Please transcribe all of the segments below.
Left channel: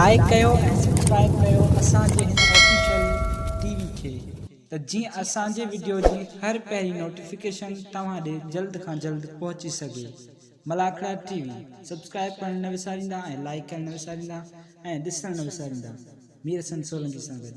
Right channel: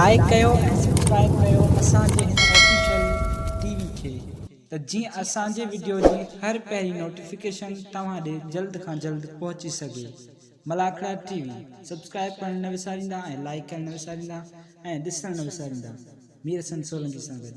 Like कयो ऐं subscribe कयो असांजे हिन ऑफिशियल टीवी खे त जीअं असांजे वीडियो जी हर पहिरीं नोटिफिकेशन तव्हां ॾे जल्द खां जल्द पहुची सघे। मलाखड़ा टीवी सब्सक्राइब करण न विसारींदा ऐं लाइक करण न विसारींदा ऐं ॾिसण न विसारींदा। मीर हसन सोलंकी सां गॾु।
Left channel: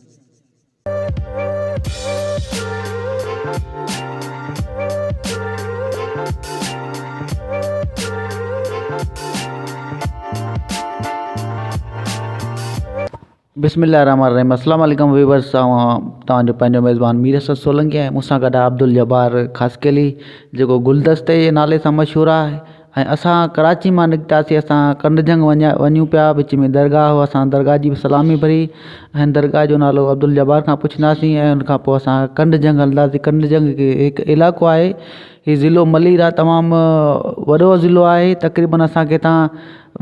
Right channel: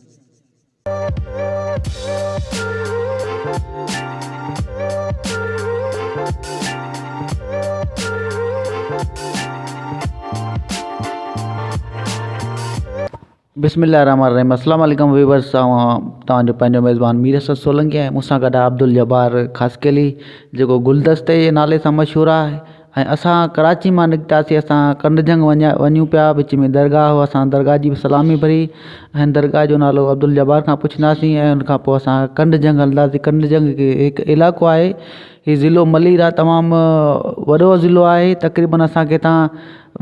बिस्मिल्लाहिर्रहमानिर्रहीम। अस्सलाम वालेकुम व्यूअर्स। तव्हांजो पंहिंजो मेज़बान मीर हसन सोलंकी आहे। मूंसां गॾु आहे अब्दुल जब्बार ख़ासकेली जेको गुलदस्ते जे नाले सां मशहूरु आहे। ऐं असां कराची मां निकितासीं, असां कंडजंग वञूं पिया। विच में दरगाह हो, असां दरगाह जी बि सलामी भरी ऐं दरगाह जो नालो अब्दुल जब्बार खां पुछंदासीं ऐं उनखां पोइ असां कंडजंग हलंदासीं। कंडजंग हिकु इलाइक़ो आहे, हीउ ज़िलो मलीर आहे, तमामु वॾो ज़िलो आहे। तक़रीबन असांखे हितां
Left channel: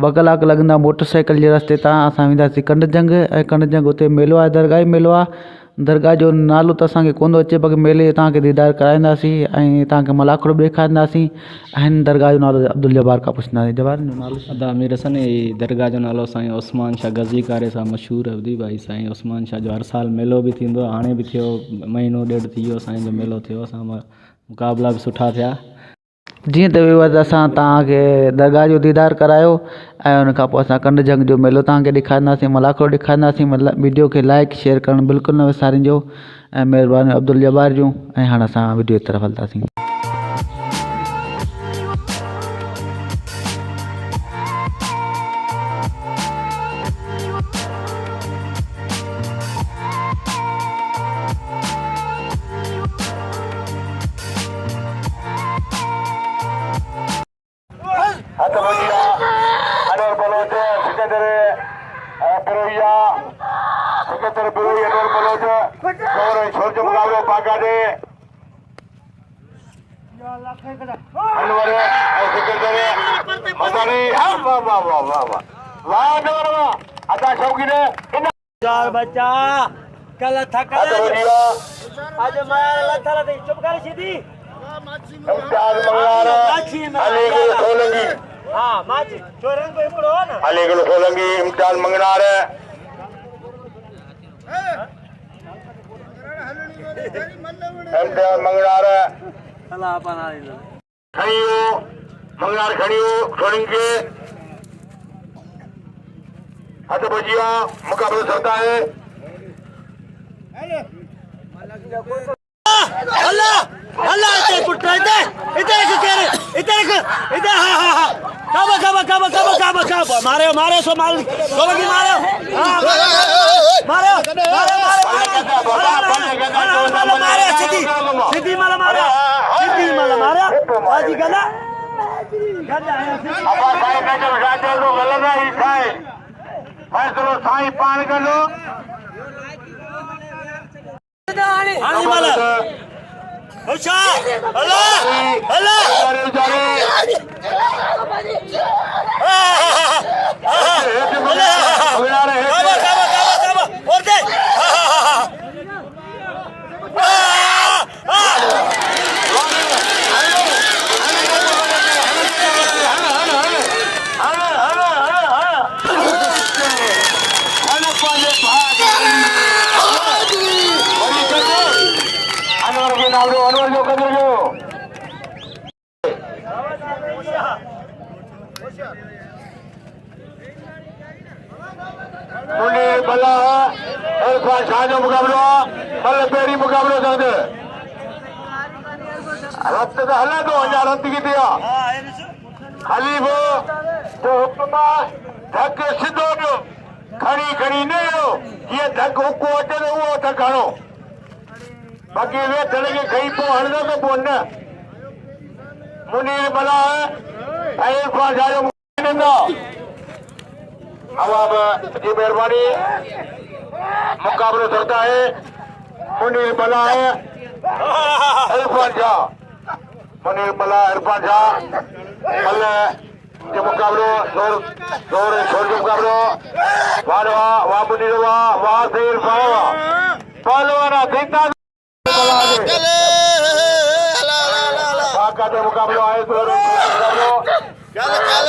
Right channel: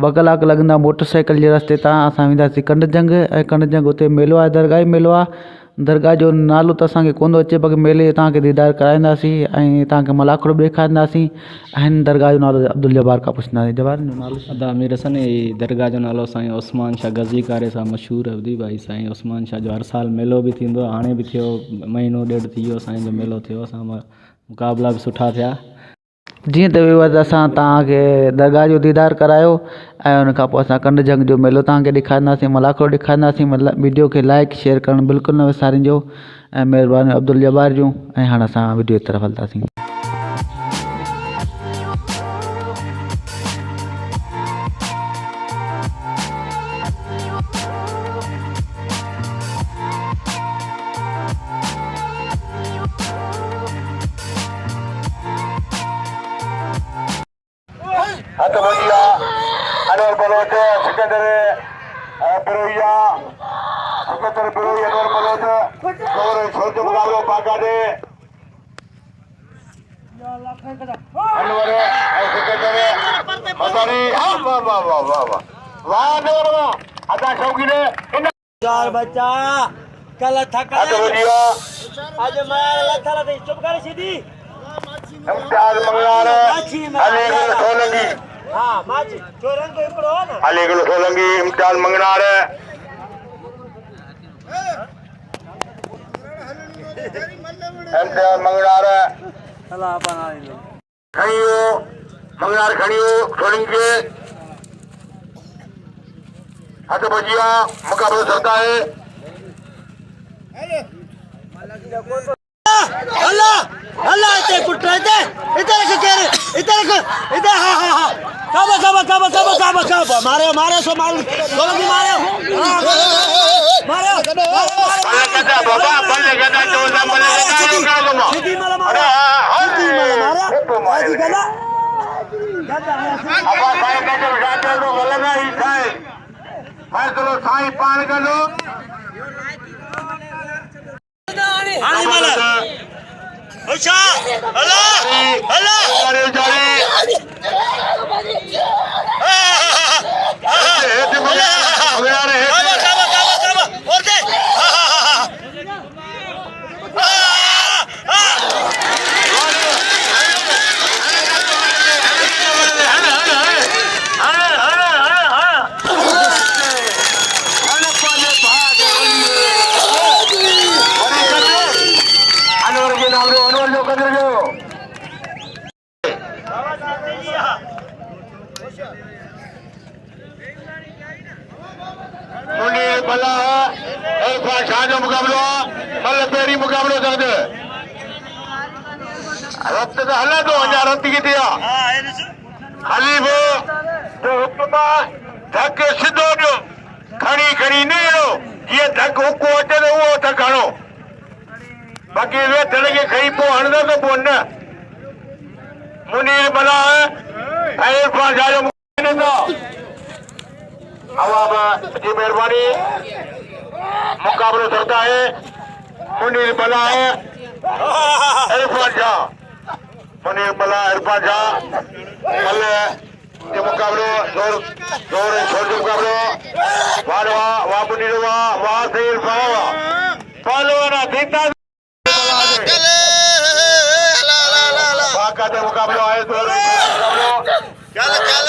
2 कलाक लॻंदा मोटर साइकिल जे रस्ते तां। असां वेंदासीं कंडजंग ऐं कंडजंग उते मेलो आहे, दरगाह मेलो आहे। दरगाह जो नालो त असांखे कोन थो अचे, बाक़ी मेले जो तव्हांखे दीदार कराईंदासीं ऐं तव्हांखे मलाखड़ो बि ॾेखारींदासीं ऐं दरगाह जो नालो अब्दुल जब्बार खां पुछंदासीं। जब्बार जो नालो अदा मीर हसन। दरगाह जो नालो साईं उस्मान शाह गज़ी कारे सां मशहूरु हूंदी भाई। साईं उस्मान शाह जो हर साल मेलो बि थींदो आहे, हाणे बि थियो, महीनो ॾेढ थी वियो साईं जो मेलो थियो। असां मुक़ाबला बि सुठा थिया। जीअं त व्यूअर्स असां तव्हांखे दरगाह जो दीदार करायो ऐं उनखां पोइ असां कंडजंग जो मेलो तव्हांखे ॾेखारींदासीं, मलाखड़ो ॾेखारींदासीं। वीडियो खे लाइक शेयर करणु बिल्कुलु न विसारिजो ऐं महिरबानी अब्दुल जब्बार जूं। ऐं हाणे असां वीडियो जी तरफ़ हलंदासीं। बच्चा कल थका आज मार लथला दे चुप कर सीधी हां माची चोरन को एकड़ो ना अली गुल सोलंगी इम्तिहान मंगनार इम्तिहान मंगनार अल्लाह बनाई खड़ियो मंगनार खड़ियो सोलंगी हथ बजिया मुकाबला चलता है। अल्लाह अल्लाह के कुत्ता दे इधर से कर इधर हां हां हां काबा मारे मारे सो मार सोलंगी मारे हां मारे बाबा बल्ले गदा जो नंबर सीधी माला मारे आजी गदा गदा है तो गलबा ही खाए फैसलो साईं पाण करो आनी माला अच्छा अल्लाह अल्लाह अरे जाने अगला रहे और दे भला इरफान शाह जो मुकाबलो मतलब पहिरीं मुकाबलो दंद रत त हले थो, अञा रत किथे आहे? हली बि तो हुकुम धक सिधो ॾियो, खणी खणी न ॾियो। जीअं धक हुको अचे त उहो धक हणो, बाक़ी वेठल खे खणी पोइ हणंदो त पोइ न। मुनीर भला ऐं इरफान शाह जो की मेहरबानी मुकाबला चलता है। मुनीर बला है इरफान शाह, मुनीर बला इरफान शाह अल्लाह के मुकाबलो जोर जोर छोड़ जो मुकाबलो वाह वाह मुनीर वाह से इरफान पहलवान देता बाका का मुकाबला है। जोर क्या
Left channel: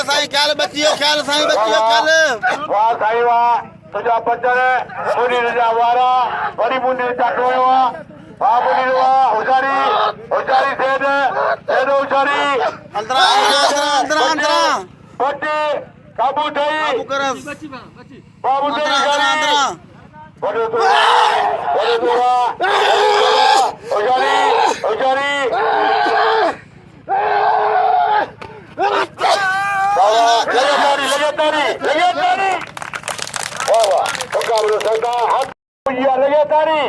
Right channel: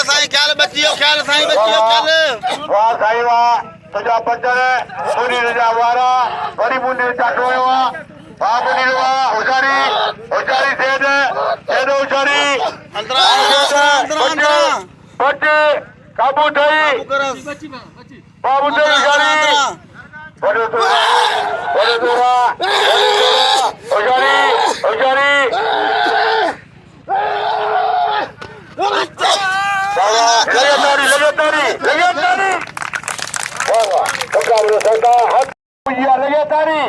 साईं क्या बच्चियों क्या साईं बच्चियों क्या वाह साईं वाह तुझा पंजर मुनी रजा वारा वरी मुनी टाटोवा बाबुनी वा उजारी उजारी सेद उजारी बच्चे काबू थई बाबू थई उजारी बड़ो उजारी उजारी लगे तारी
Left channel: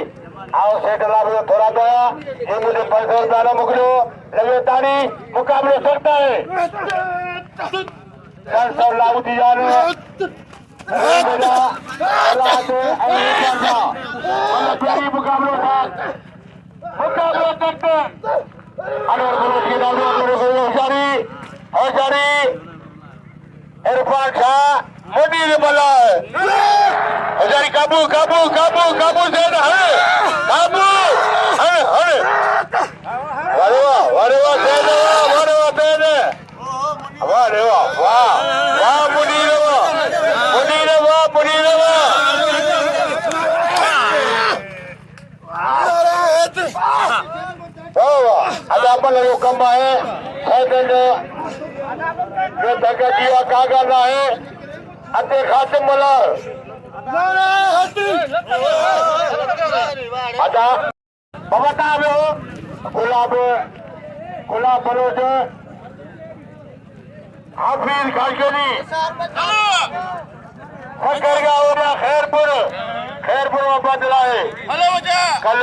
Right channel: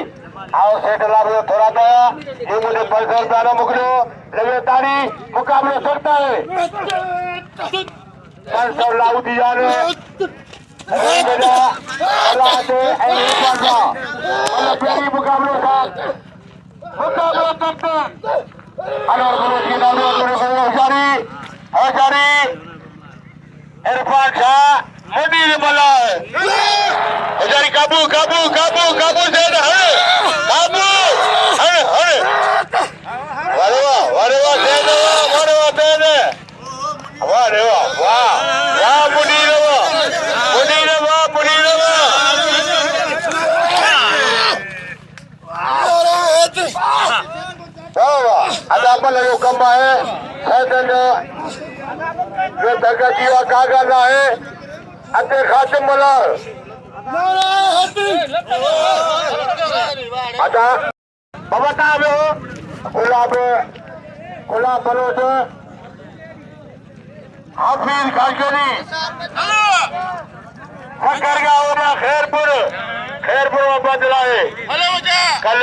आओ सेठ लाभ थोड़ा सा ये मुझे पैसा रुपया मुकलो लगे तारी मुकाबले सकता है 500 लाख दिया मुकाबले सकते हजारी इरफान शाह मोदी ने बोला हजारी काबू काबू काबू काबू से काबू अरे वाह कम है दरगाह जीवा कागा ना है अते खातिम बोला अच्छा बता दो गुलाब बलोच हाफिज खाशगरी करगा हो रहा खैरपुर वापस चलाए कल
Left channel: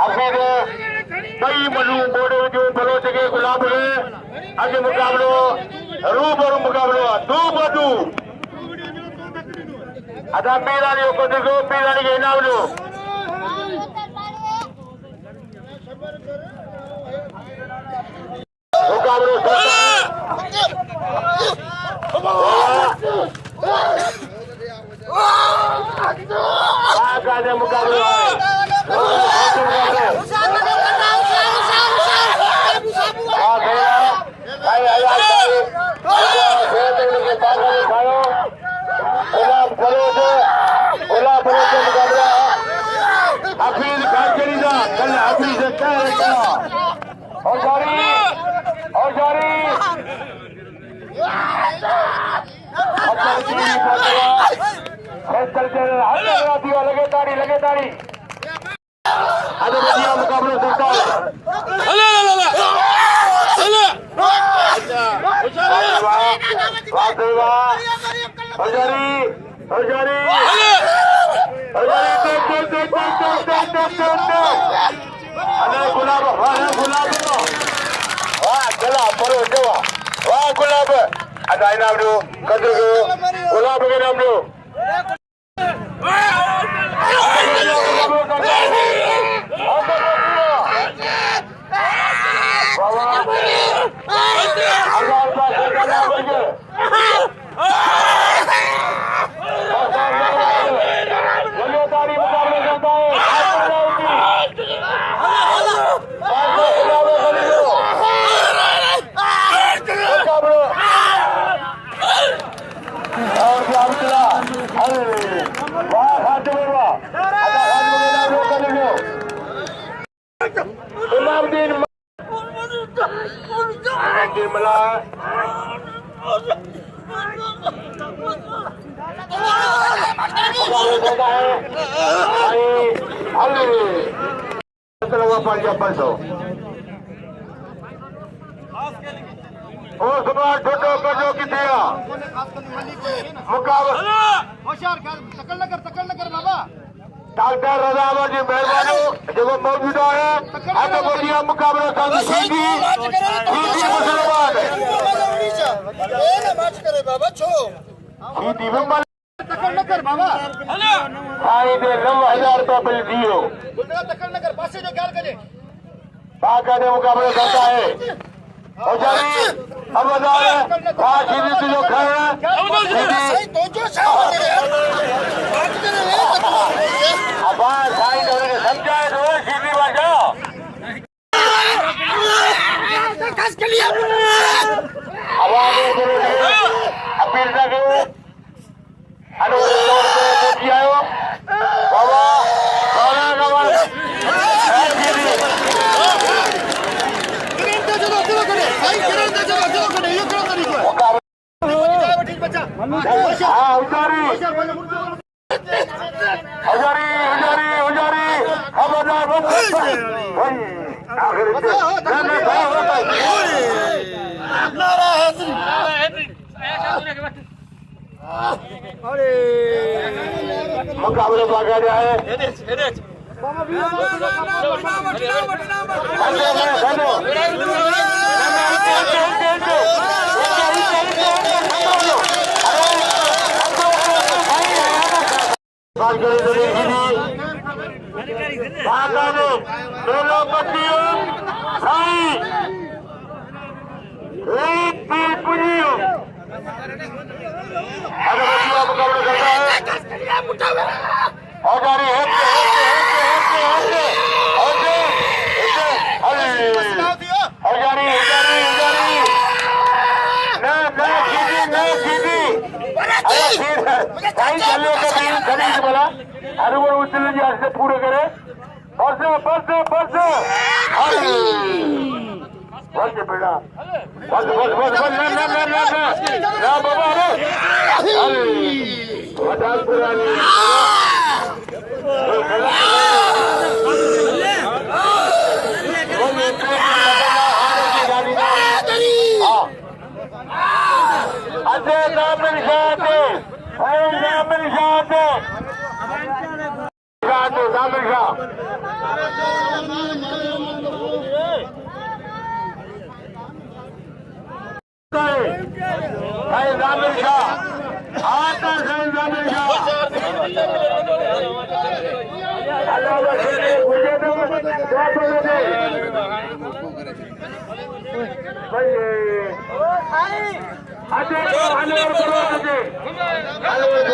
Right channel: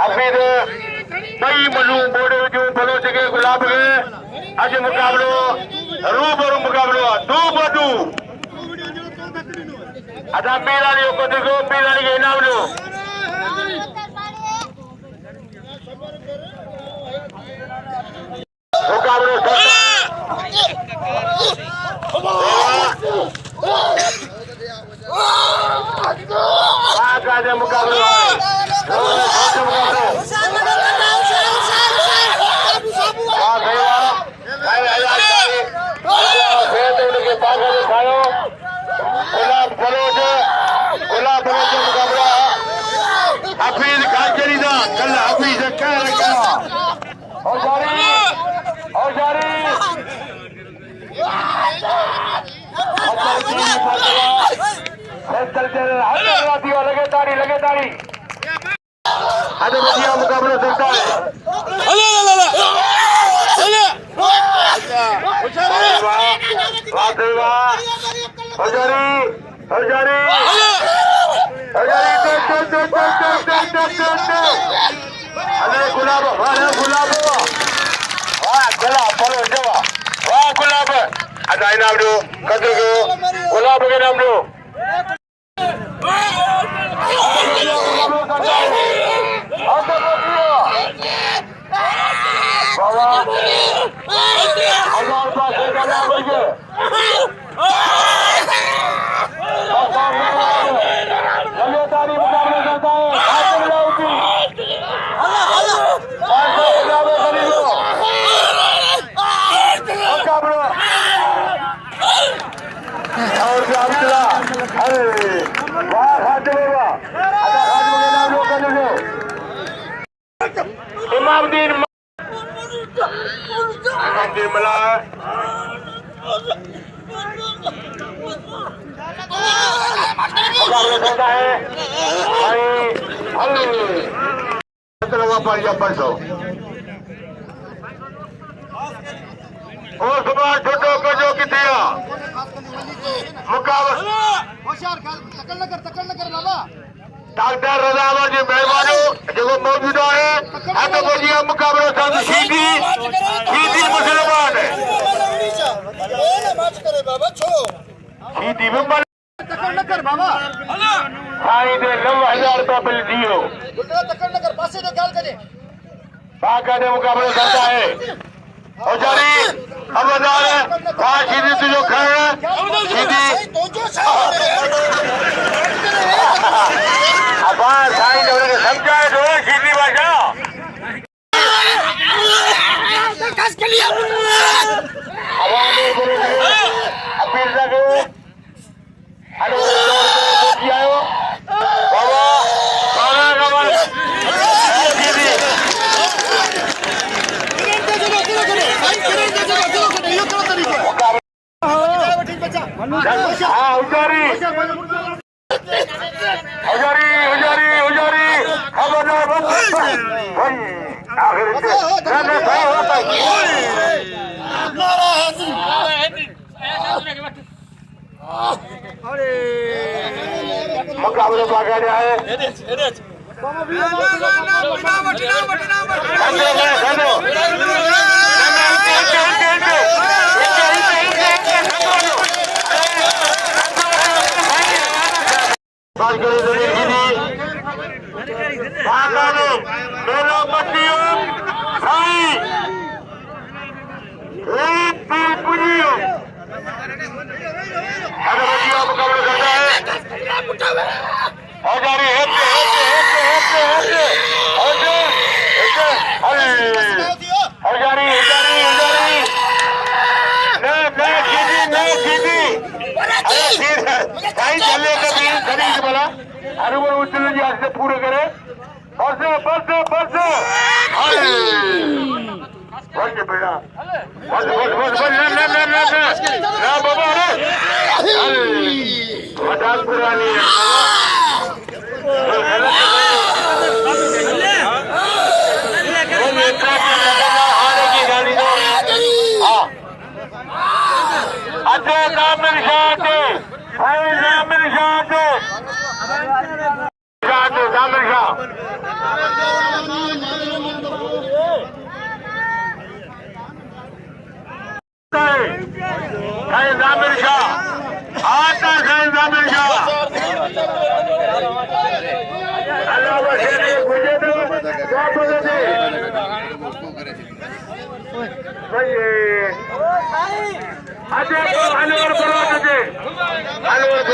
हाफिज कई मनु बोर्ड जो बलोच के गुलाब के आज मुकाबलो रूबरू मुकाबलो दू बदू अच्छा पीरानी को देखो पीरानी के इनाम लो मुकाबलो लगे तारी गुलाब अच्छा इनाम दो गुलाब के नाम दो इमामुद्दीन मला जो किथे डॉक्टर रज़ावर जी महिरबानी जो मौजूद है हद बोलिया मुकाबला साथ सीधी मुसलमान सीधी में तकड़ बाबा साईं दे 9000 रुपया बिल दियो तकड़ पासे जो ख्याल करे ताकत मुकाबला करता है और जारी अवदार सीधी तुझो खाया सीधी अबा साईं ने समझाए तो सीधी भाषा कस के लिए अपील लगे हाँ उजारी उजारी उजारी उजारी खबरदार बस आखिर नारा हैदरी मुकाबले भागा जाए पूरे करे परसे परसे परसे बस बेटा बस बस बस बस ना बाबा अरे मजाक पुरानी अच्छे काम मेरी शादी मेरी शादी जामिर शाह जामिर शाह आता है जामिर शाह अल्लाह वसीले गुजे दो क्या बोले थे भाई आजे आने और करो आजे आने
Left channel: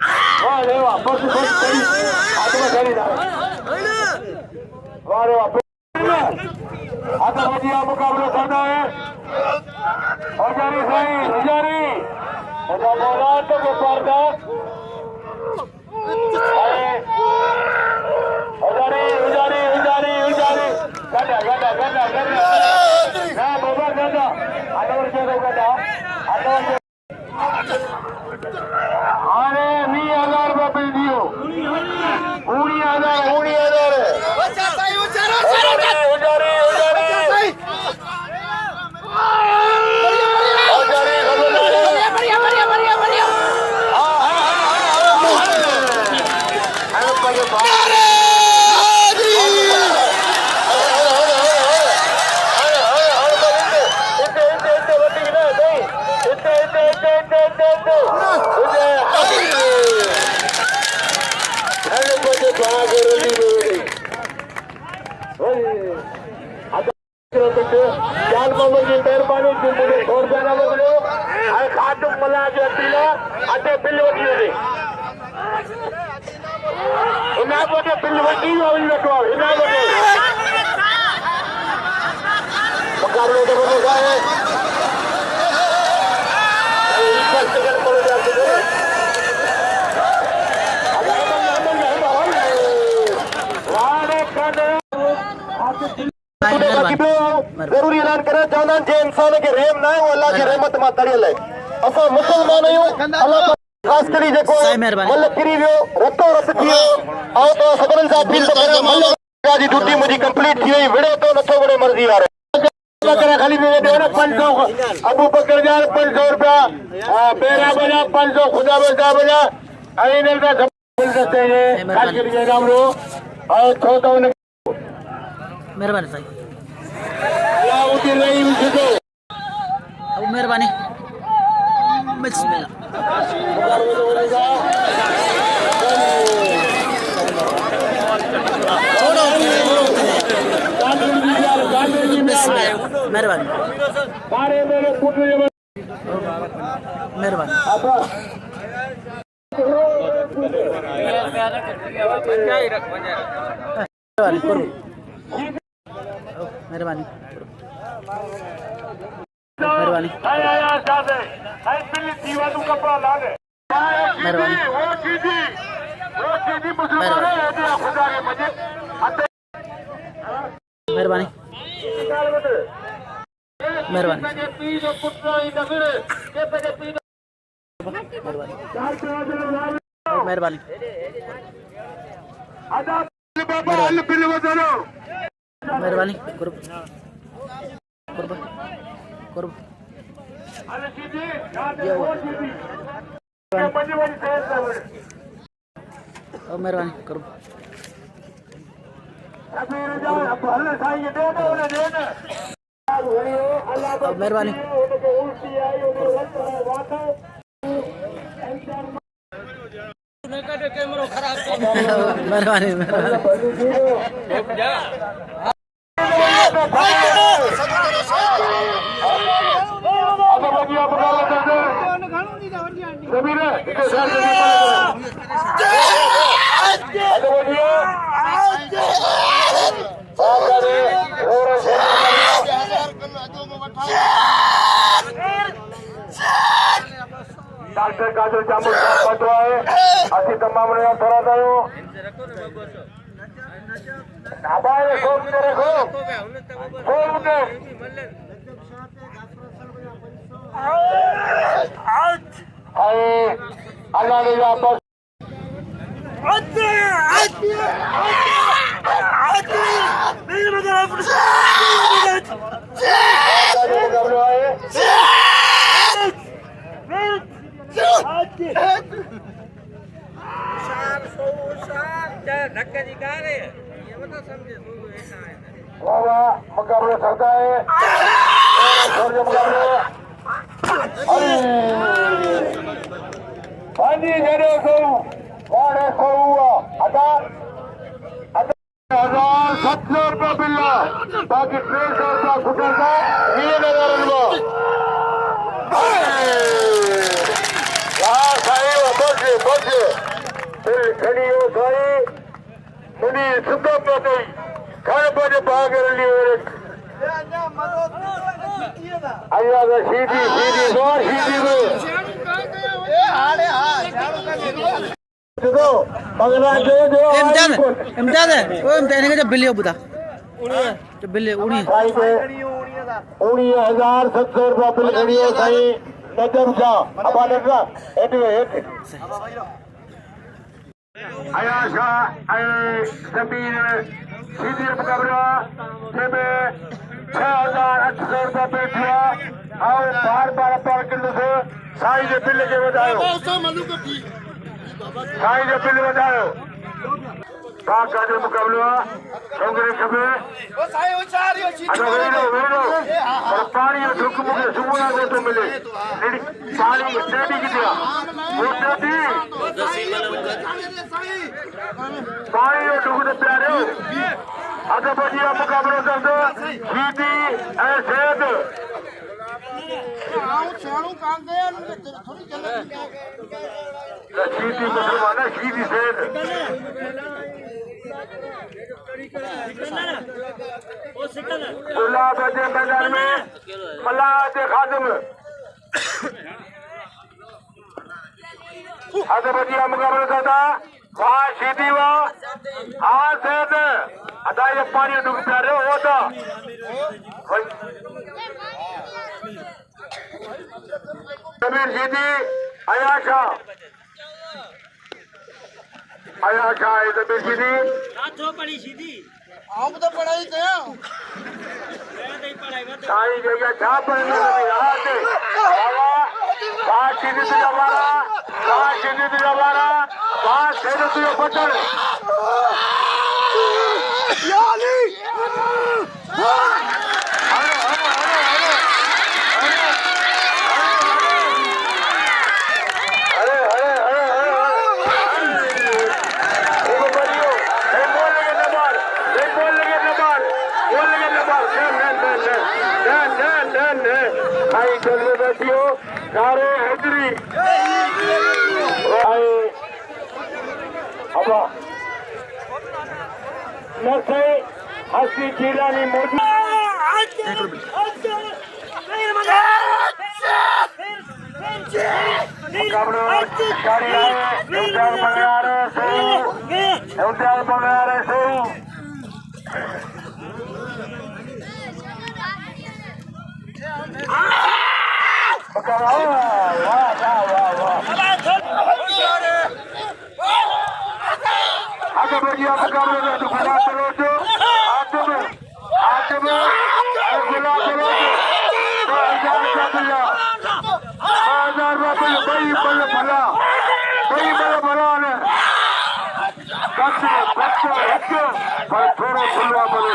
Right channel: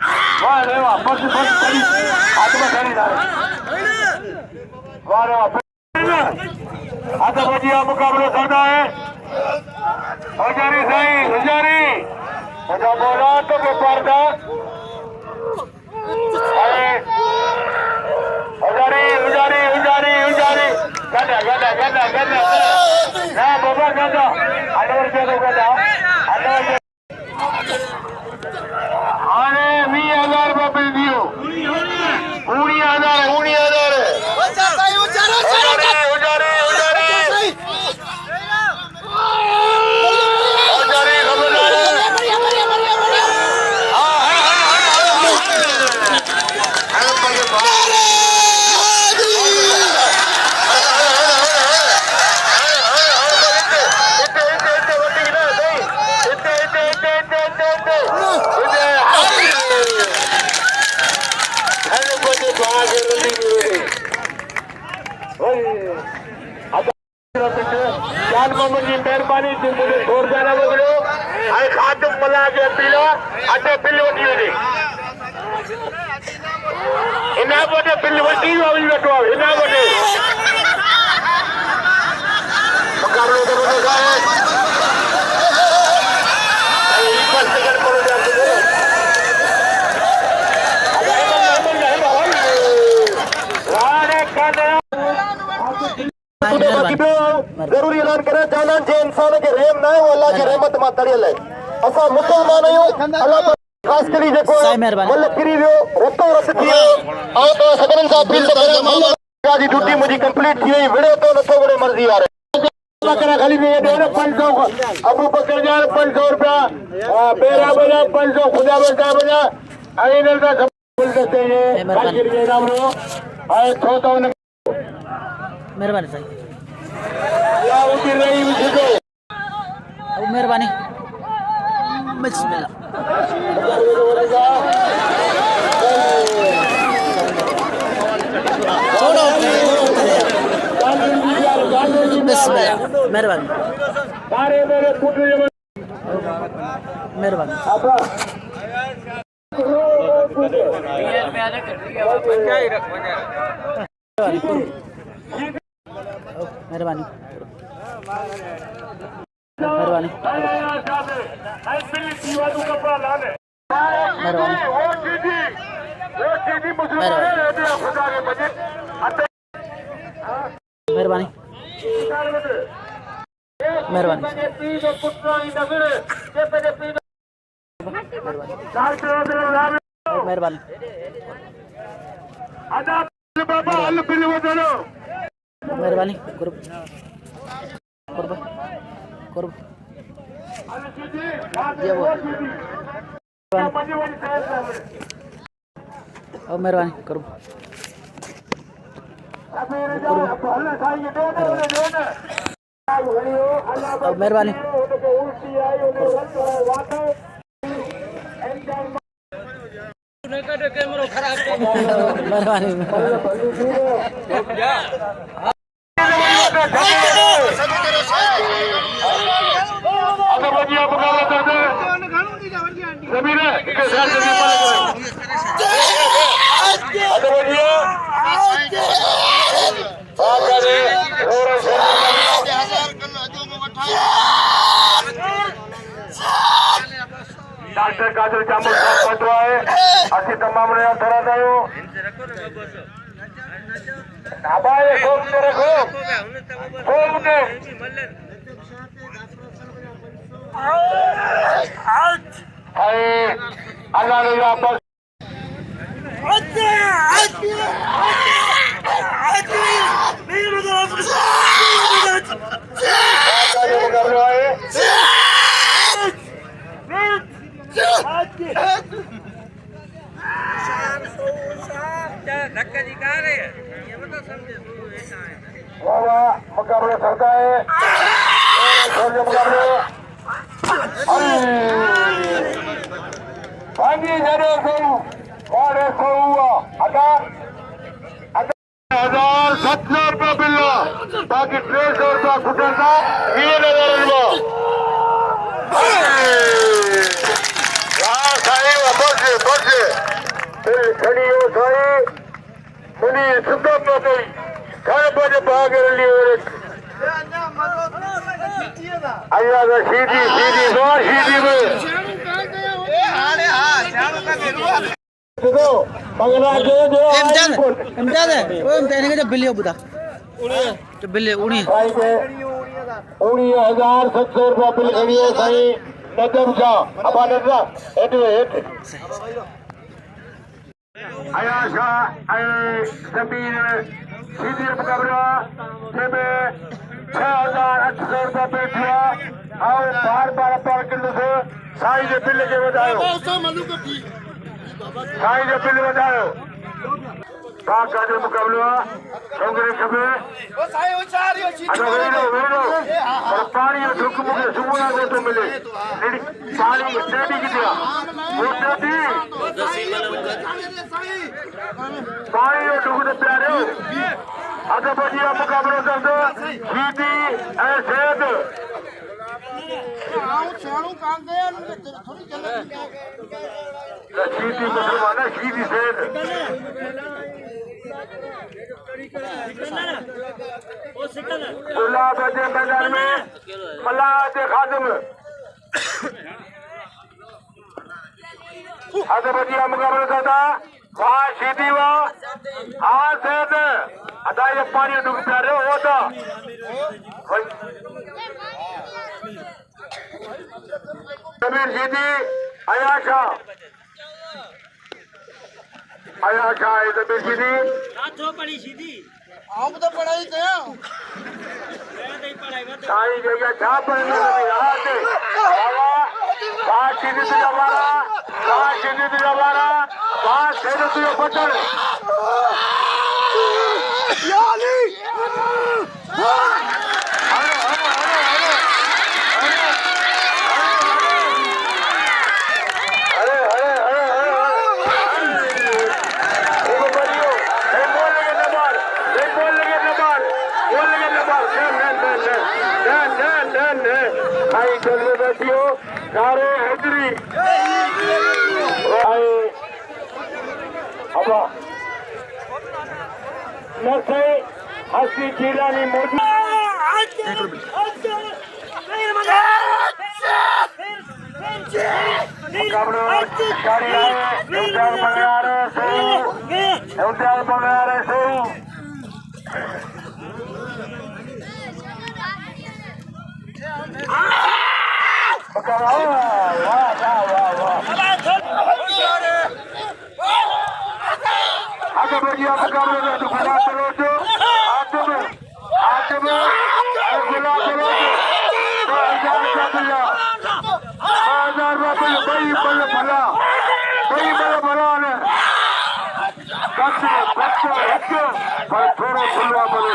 वाह रे वाह, बस बस खड़ी हाथ में खड़ी था। वाह रे वाह, आता बजिया मुकाबला करना है। हजारी साईं हजारी मुझा बोला तो के पर्दा हजारी हजारी हजारी हजारी गदा गदा गदा गदा ना बाबा गदा अरे चलो गदा अरे 20,000 रुपये दियो 19,000 मेहरबानी मला अटे बिल वठी वञे इन वटि बिल वठी वेठो इन वटि मुक़ाबिलो ज़बरदस्त आहे ज़रूरी ऐलान करे चवंदा आहिनि जे इंसान खे रहम न आहे उहो अलाह जी रहमत मां तड़ियल आहे असां मुस्लमान आहियूं अलाह ख़ासि करे जेको मुल्क किरी वियो रतो रत थी वियो ऐं तव्हां सभिनीनि सां अपील थो करियां मुल्क जी ड्यूटी मुंहिंजी कंप्लीट थी वई विड़े थो नथो विड़े मर्ज़ी वारे खाली में 500 अबू बकर जा 500 रुपया पेरा बजा 500 खुदा बजा बजा आई न दा गुलदस्ते जे खाली जे नाम रो और छो तो मेहरबानी साईं अल्लाह उठी रही हुजे अब मेहरबानी बिस्मिल्लाह छोड़ो बिस्मिल्लाह मेहरबानी मेहरबानी मेहरबानी मेहरबानी मेहरबानी मेहरबानी मेहरबानी मेहरबानी मेहरबानी कुर्ब कुर्ब कुर्ब ये वो मेहरबानी कुर्ब मेहरबानी मेहरबानी डॉक्टर काजल जामुन है असी तमाम ने थोड़ा दयो हवाए खोल के रखो खोल के अल्लाह ने वापस मुकाबला करता है पानी जड़े को वाड़े को हुआ अगर 1,700 रुपया बिल्ला बाकी 300 रुपया खुटेगा ये नजर लो दिल छड़ियो साई मुनी सुका पतई घर पर भाग लियो अल्लाह का सीधी सीधी बार सीधी में देखो मंगला दे दो इम्तियाज है ओ इम्तियाज के बिल्ली बुदा तो बिल्ली उड़ी साई दे 19,700 रुपया बिल खड़ियो साई नजम शाह अबा नजरा हेठ आया शाह ऐ जमीन सीधी मुकाबला जंहिंमें 6,800 रुपया बिल थिया और बार पर किलो से साईं जे बिल खे वधायो साईं जो बिल वधायो बाक़ाइदे मुकाबलो आहे छोकिरे खपे पर पाणी जो ढुक मूंखे सुबुह जो थो मिले पाणी टेडी किथे आहे पाणी जो ढुक त प्यारियो अधु बजी जो मुकाबलो कंदो सीधी ऐं सेहत सीधी मुसलमान है सीधी सेहत गुलाब के मैदान में मल्लाह के खादिम अधु बजी जो मुकाबलो कंदा वहाँ सीधी वहाँ हाँ सेहत अदा ये पानी डुब प्यारे होता जमीन सीधी आया शाह जमीन सीधी साईं जगह छा पढ़ने सीधी तुझा मारा सीधी तुझा मारा सेहत तुझो बचण सारे हजरी नसे हसी चीलानी मोदी थोड़ा खुलवा बोले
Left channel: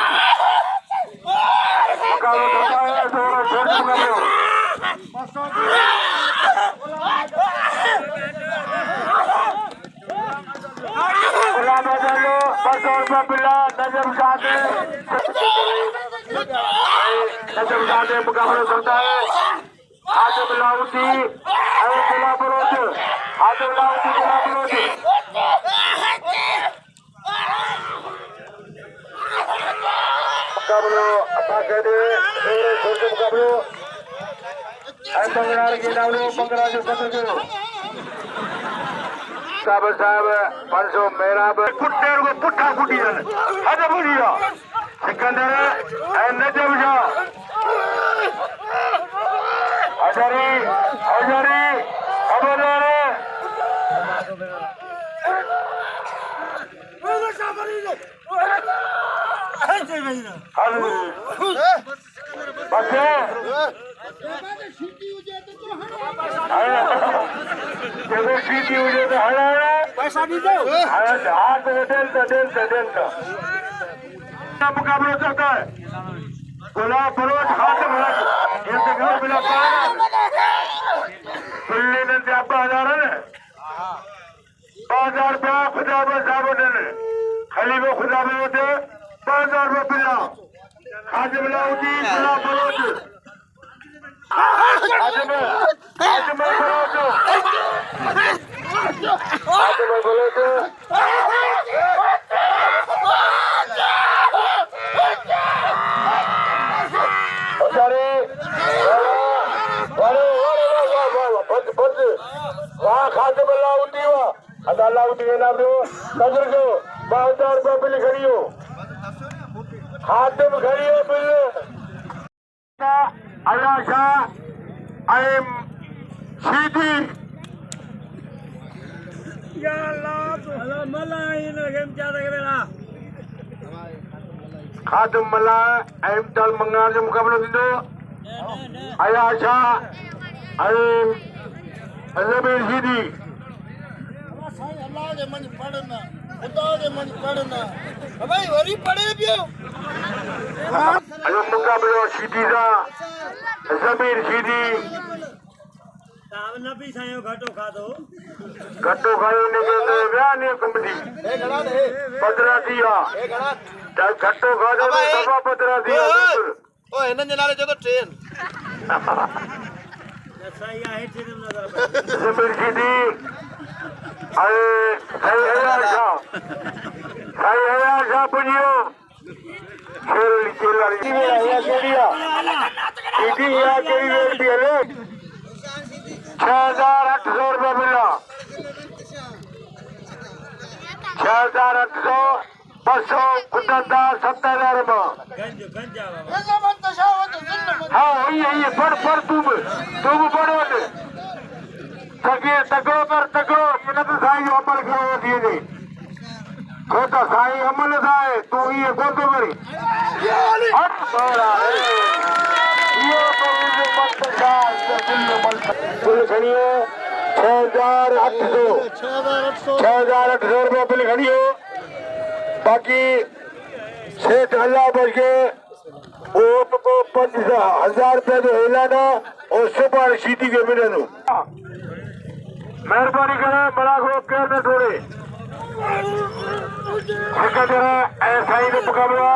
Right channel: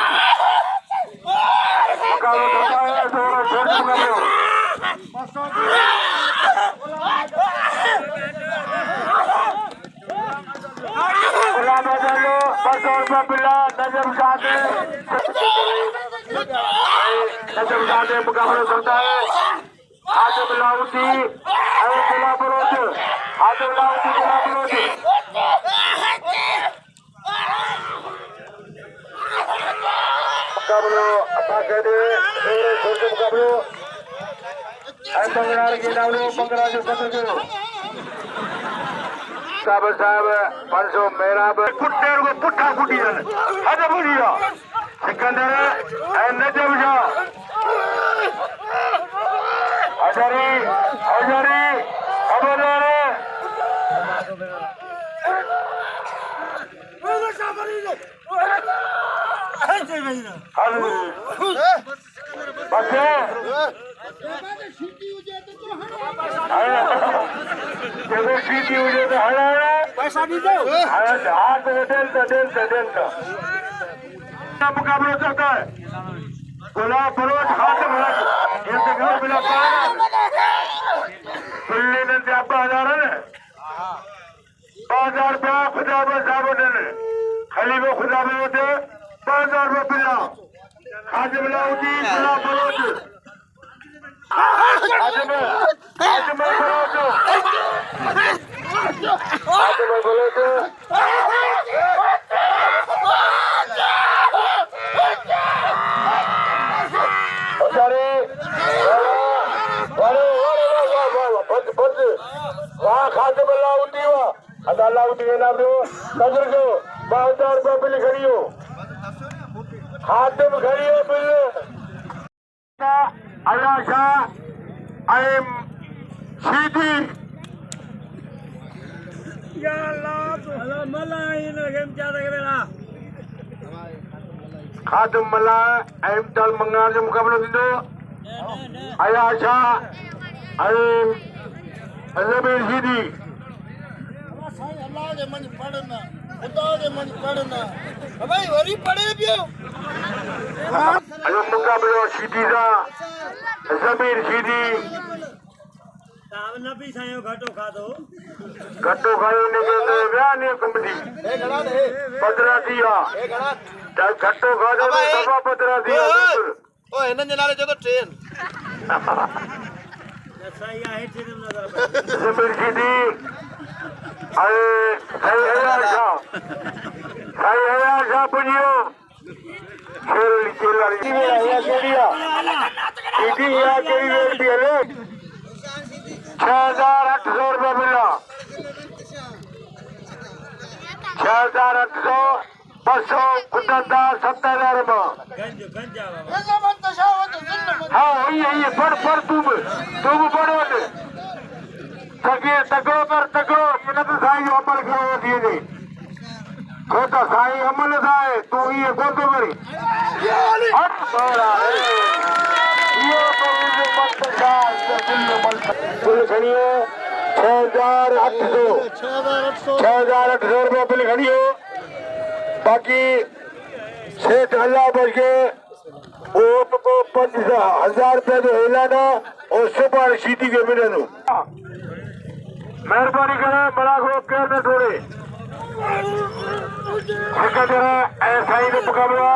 नजम मुकाबला करता है आजम लाउती गुलाब रोज आजम लाउती गुलाब रोज मुकाबलो बाक़ाइदे मुकाबलो बंगरार के नालो बंगरा जो सदर कयो साहब 500 मेहराब कुटे को पुठा कुटी हद बुढ़िया सिकंदर नजम शाह हजारी खबरदार सीटी हुजे तो हलाना पैसा दी दो हाथ डेलता मुकाबला चलता है गुलाब फरोज खातिम हक इंतजार बिला पाना बिल्ली ने अब्बा हजार है 5000 रुपया खुदा में साहब ने खलीफा खुदा में होते 5000 रुपया बिला खातिम लाउदी गुलाब फरोज खातिम फरोज अदालत देना दो कदर को 2000 रुपये बिल खड़ियो हाथम खड़ियो बिल अलाशा आइम सीधी या अल्लाह मला इन गेम ज्यादा करेला खादम मला आइम ताल मंगार जो मुकाबला दिंदो अलाशा आइम ज़मीर सीधी अल्लाह जे मन पढ़ना खुदा जे मन पढ़ना भाई वरी पढ़े पियो अयो मुकाबलो सीधी सा ज़मीर सीधी ताव नबी सायो घटो खादो ने के व्या ने कंपनी ए घड़ा दे पदरा दिया ए घड़ा त घटो खादो सभा पदरा दिया ओ हिनन जे नाले जो तो ट्रेन सही आहे ट्रेन नजर ज़मीर सीधी अरे सही है पुजियो शेरली चेलारी या केड़िया सीधी या केड़ी रेट दी है 6800 रुपए मिला 6800 200 कुदता 70,000 रुपए हाँ ये पढ़ तुम पढ़ो तगड़ो कर तगड़ो इन तो साईं जो अमल करो दिए दे को तो साईं अमल थाए तू ये कोन तो करी हट बड़ा ये तो मत बिल खड़ियो 6800 रुपये बिल खड़ियो बाकी सेठ अल्लाह बच के वोट को 5000 रुपये जो ऐलान और सुबह सीधी के मिले मेहरबानी करे बड़ा को केयर न छोड़े ऐसा ही मुकाबला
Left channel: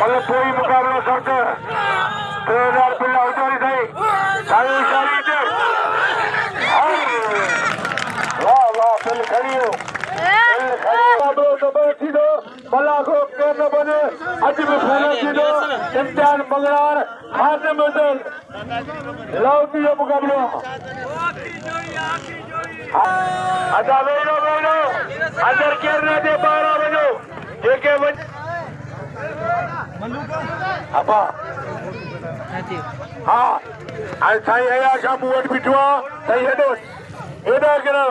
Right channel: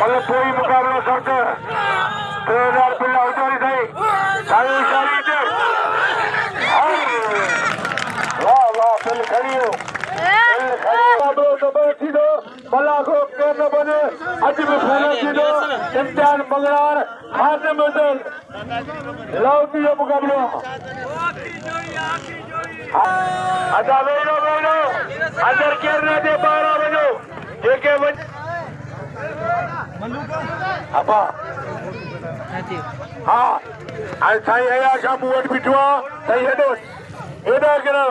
मतलब कोई मुकाबला सकते 3000 बिल्ला उतारी साई वाह वाह बिल खड़ियो बैठी दो भला को केयर न बने अज भी फोन थी दो इम्तिहान मंगलार खाते में लाउती जो मुकाबलो अच्छा वेलो अंदर केरने दे 12 बजो जेके अपा हाँ आज साईं आया शाम वटि बीठो आहे साईं हेॾो हेॾा करा